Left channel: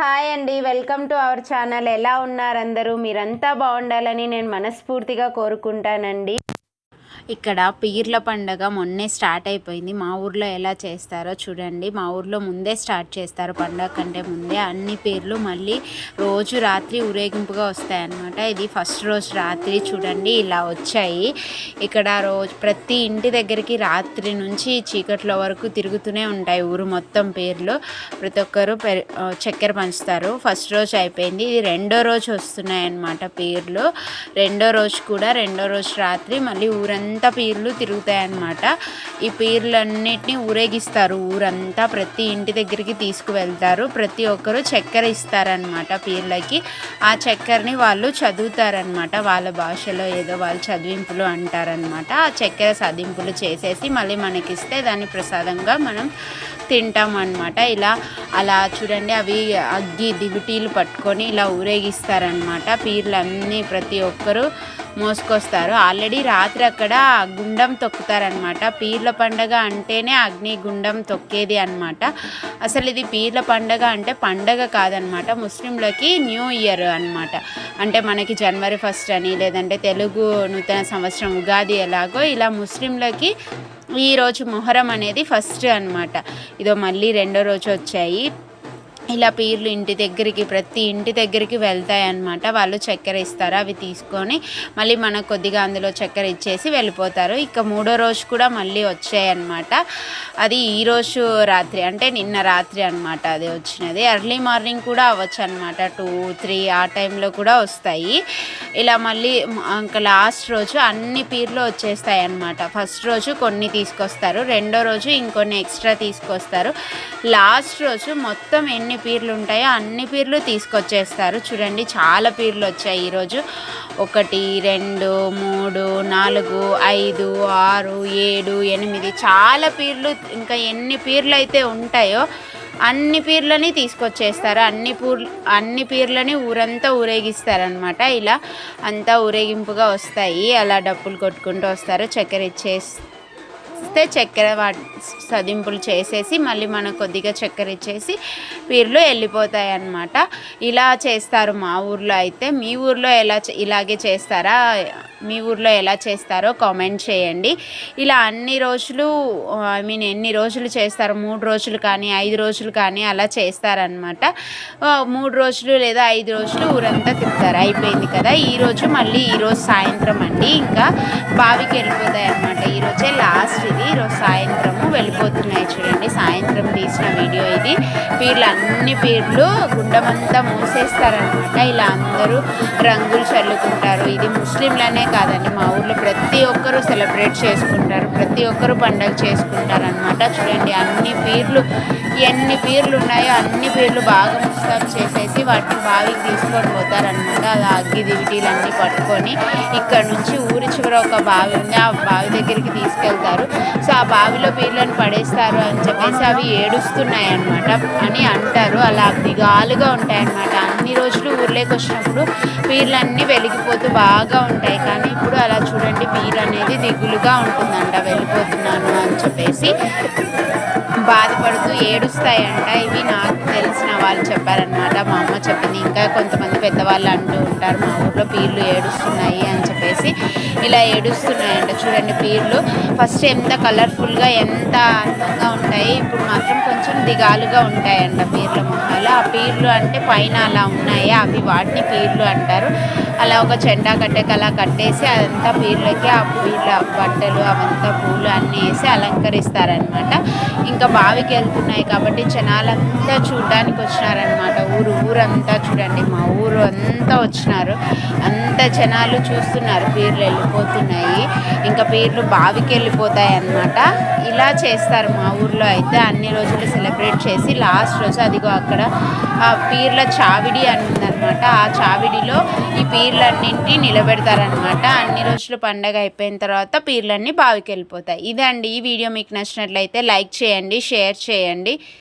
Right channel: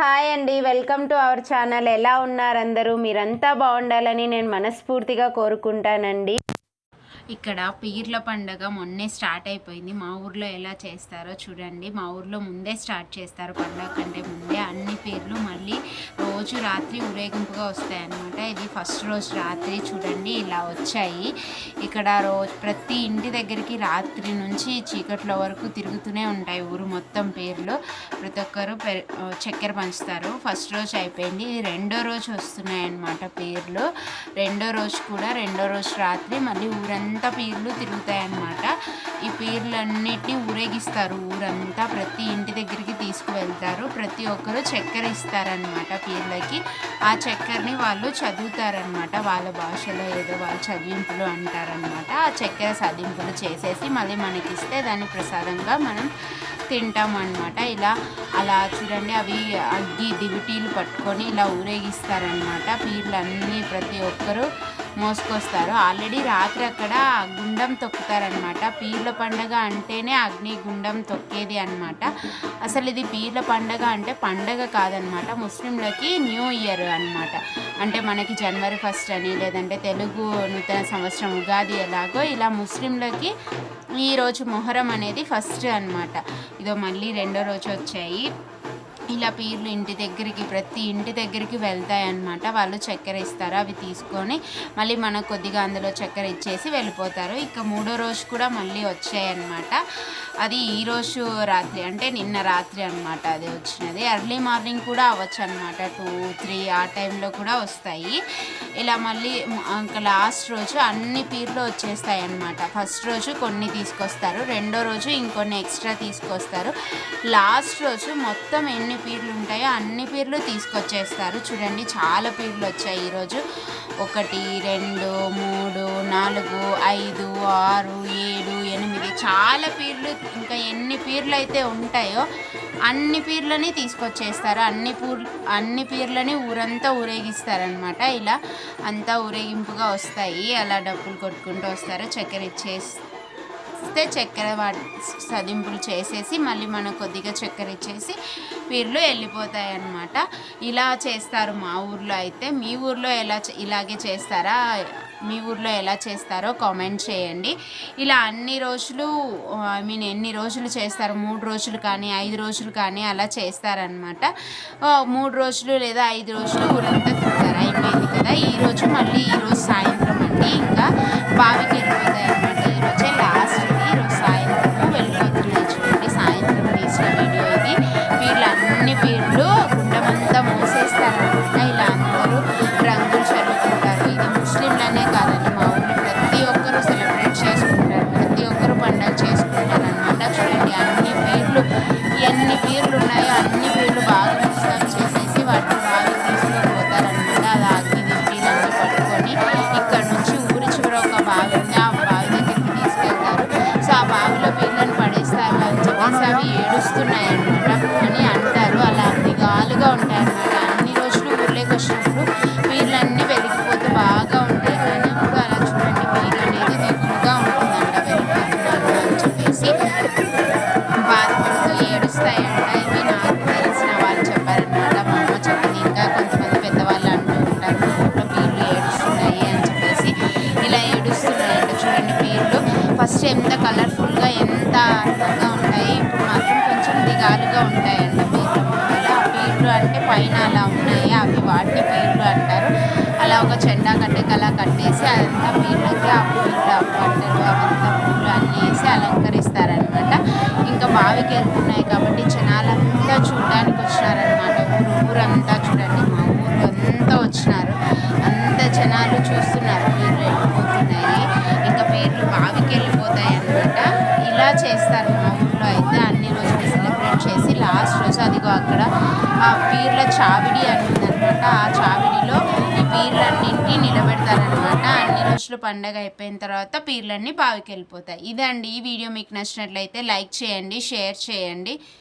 Hi అండి, welcome to our channel. ఎలా ఉన్నారు అందరూ? మీరంతా బాగుండాలని నేను మనస్ఫూర్తిగా కోరుకుంటానండి. ఇక్కడ పీర్ల పండగ మొన్నే స్టార్ట్ అయిపోయింది. మా ఊర్లో ఎలా చేస్తారో చూడండి. మా ఊర్లో ముందే స్టార్ట్ చేస్తారు, పండగ కంటే ముందే. అన్ని పీర్లు మళ్ళీ రోజు రాత్రి ఊరేగింపుగా వస్తాయన్నమాట. ఇది ఫస్ట్ రోజు రాత్రి చూడండి ఇలా వచ్చాయి. ఇక్కడ ప్రతి ఇంటి దగ్గరికి రాత్రి నుంచి చీకట్ల వరకు తిరుగుతూనే ఉంటాయి ఊరు మొత్తం పీర్లు. ప్రతి ఒక్కరు చక్కెర పంచుతారు. ఫస్ట్ రోజు అయిపోయింది, ఇది రెండో రోజు వస్తున్నాయి అన్నమాట పీర్లు. రెండో రోజు రాత్రి మళ్ళీ ఊరంతా పీర్లు తిరుగుతాయి అన్నమాట. ఈ పీర్లన్నిటిని ఊరేగిస్తారు ఊరంతా, ప్రతి ఇంటి దగ్గరికి తీసుకువెళ్తారు. ప్రతి ఒక్కరు చక్కెర ఇస్తారనమాట పీర్లకి. ఆ చక్కెరని వాళ్ళు చదువుతారనమాట, వాళ్ళ భాషలో ఏదో వాళ్ళు చదివింపులు అంటారనమాట. ఆ చక్కెర చదింపులు చేసేసి మళ్ళీ మనకిస్తే దాన్ని ప్రసాదంగా మనం తింటాం అన్నమాట. అలా చూడండి, అవి అగ్గి దివిటీలు పట్టుకొని ఇలా ఊరేగిస్తారనమాట. పీర్లన్నీ ప్రతి ఒక్కరు మోసుకొస్తారు. ఆల్రెడీ రాత్రి అక్కడ గుండం తొక్కుతారనమాట. పీర్ల పండగ అంటేనే అగ్ని గుండం తొక్కేది అనమాట. అసలు ఇది పీర్ల పండగ అంటే పండగ కాదనమాట, ముస్లింలకి న్యూ ఇయర్ అనమాట. అంటే మనకి జనవరి 1 అని, లేదంటే తెలుగు నూతన సంవత్సరం ఉగాది ఎలాగో, ఇలా ముస్లింలకి ఈరోజు మొహరం అనేది ఫస్ట్ అనమాట. ఇదో మళ్ళీ రెండో రోజు వచ్చాయి. ఇలా పీర్లు ప్రతి ఇంటి దగ్గరికి వెళ్తాయి అన్నమాట. వాళ్ళు చక్కెర ఇస్తారు, అవి తీసుకొని మళ్ళీ మనకు కొద్దిగా అందులో చక్కెర ఇచ్చేసి వెళ్ళిపోతారు. ఇక మూడో రోజు కూడా మళ్ళీ వచ్చాయి అన్నమాట. అది ఈరోజు రాత్రి అంటే నిన్న రాత్రి అనమాట అది వచ్చినది. ఎర్లీ మార్నింగ్ కూడా అవ్వచ్చు అనమాట, 2-3 ఆ టైంలో కూడా వస్తాయి. ఇలా మళ్ళీ ఇంకా లాస్ట్ రోజు అన్ని పీర్లు వచ్చేస్తాయి అన్నమాట. ఫస్ట్ రోజు కొన్ని తీసుకొస్తారు, రెండో రోజు ఇంకొన్ని ఎక్స్ట్రా తీసుకొస్తారు. లాస్ట్ రోజు మొత్తం ఎన్ని పీర్లు ఉంటాయో అన్ని పీర్లు తీసుకొచ్చేస్తారు. చూడండి, చాలా పీర్లు వచ్చాయి ఈరోజు. 1, 2, 3, 4, 5, 6, 7, 8 చాలా పీర్లు. ఇంకా ఎన్ని పీర్లు అయితే ఉంటాయో అన్ని పీర్లని తీసుకొచ్చేస్తారు. అన్ని పీర్లని ఊరంతా ఊరేగిస్తారనమాట. ఇలా అంతా ఊరేగింపుగా వస్తాయి. అలా డప్పులు కొట్టుకుంటూ వస్తారు. చక్కెర చక్కెర సదింపులు చేసేసి మళ్ళీ మనకు కొద్దిగా చక్కెర ఇచ్చేసి పీర్లు వెళ్ళిపోతాయి అన్నమాట. ఇలా చేస్తారు మా ఊర్లో అయితే. మీ ఊర్లో ఇలాగే చేస్తారా? మీ ఊర్లో ఎలా చేస్తారో కామెంట్ చేయండి. ఇలా అన్ని రోజులు ఎన్ని రోజులు చేస్తారు, 3 రోజులు కానీ 5 రోజులు కానీ అలా చేస్తారనమాట. 3 రోజులు లేదా 5 రోజులు ఊరంతా తిరుగుతారు. అయిపోయింది కదా ఈరోజు. మళ్ళీ ఈరోజు సాయంత్రం అండి ఇంకా బావికి వెళ్ళిపోతాయి అన్నమాట. ఈరోజే లాస్ట్ ఇది. ఈరోజు సాయంత్రము వెళ్ళిపోతున్నాయి. చూడండి, సాయంత్రం తీసిన వీడియో ఇది. అన్ని పీర్లు గుండమంతా మూసేస్తారనమాట. ఇలా అందరూ రంగులు చల్లుకుంటారు. ఇది ముస్లింలనే కాదండి, మా ఊళ్ళో ప్రతి ఒక్కరూ సెలబ్రేట్ చేసుకుంటారు, ప్రతి ఒక్కరు పండుగ చేసుకుంటారు అనమాట. చూడండి, ఎన్ని పీర్లు ఉన్నాయో అన్ని పీర్లు బాగా ముస్తాబు చేసేసి వాటిని బావికి తీసుకొని పోతారనమాట. అలా అగ్గి దివిటీలన్నీ పట్టుకొని ఇక్కడ నుంచి ఊరి చివర ఒక బావి ఉంది, ఆ బావి దగ్గరికి తీసుకెళ్తారు. సో ఆ బావిలో పీర్లను పడేస్తారు అని చెప్పేసి అవి ఏడుస్తున్నాయి అన్నమాట అని అంటారు. అలా దిగాలుగా ఉంటాయన్నమాట. అన్ని రోజులు ఊర్లోకి వచ్చినప్పుడు పీర్లన్నీ వెలిగిపోతూ బాగా ఉంటాయి. కానీ ఇప్పుడు అలా చూడండి, పీర్ అనేది దిగులుగా ఉంటుందంట, వెళ్ళిపోతున్నాను అని చెప్పేసి బాధపడుతూ ఏడుస్తాయంట. ఇది నాకు తెలిసిన వాళ్ళు చెప్పారనమాట, మా అమ్మ చెప్పింది. ఇంకా కొంతమంది పెద్దవాళ్ళు అంటూ ఉంటారు, మా ఊళ్ళో పీర్లు ఏడుస్తున్నాయి అని చెప్పేసి. ఇలా ఏడుస్తున్నాయంట. చూడండి, పీర్లు ఫస్ట్ ఎంత కలర్ఫుల్గా ఎంత అందంగా ఉంటాయి, ఇప్పుడు మాత్రం కొంచెం దిగాలుగా ఉంటాయంట పీర్ల మొక్కలు. ఆ పీర్లు అంటే పైన అలా ఉన్నాయి, అవి వాటిని పీర్లు అంటారు. అలా ఒక చెండా అలా కట్టేసి అదంతా పీర్లకి ఆ పీర్ల బట్టలు అవంతా పూలు అన్నీ వేసి అలంకరిస్తారనమాట. ఇంకా బావికి వెళ్తున్నాయి కాబట్టి జనాలంతా చూడడానికి వచ్చినారనమాట. ఊరంతా చూడండి, మా ఊరు అంతా వచ్చినారు. అంత జనాలు చూస్తున్నారు, పీర్లు వెళ్ళిపోతున్నాయి. ఇంకా పీర్లు బావికి వెళ్ళిపోతాయి అన్నమాట. ఇలా చేస్తారు మా ఊర్లో అయితే. అన్ని రోజులు సెలబ్రేట్ చేసి లాస్ట్ రోజు అదిగో అక్కడ ఆ పీర్ల చావిడి అని ఉందన్నమాట. ఆ చావిడిలో ఈ పీర్లన్నింటినీ నిలబెడతారనమాట. అన్ని రోజులు పండగ అయిపోయిన తర్వాత పీర్లన్నీ బావికి వెళ్ళిపోతాయి. ఇదండి ఈ వీడియో. మీకు నచ్చినట్లయితే లైక్ చేయండి, షేర్ చేయండి.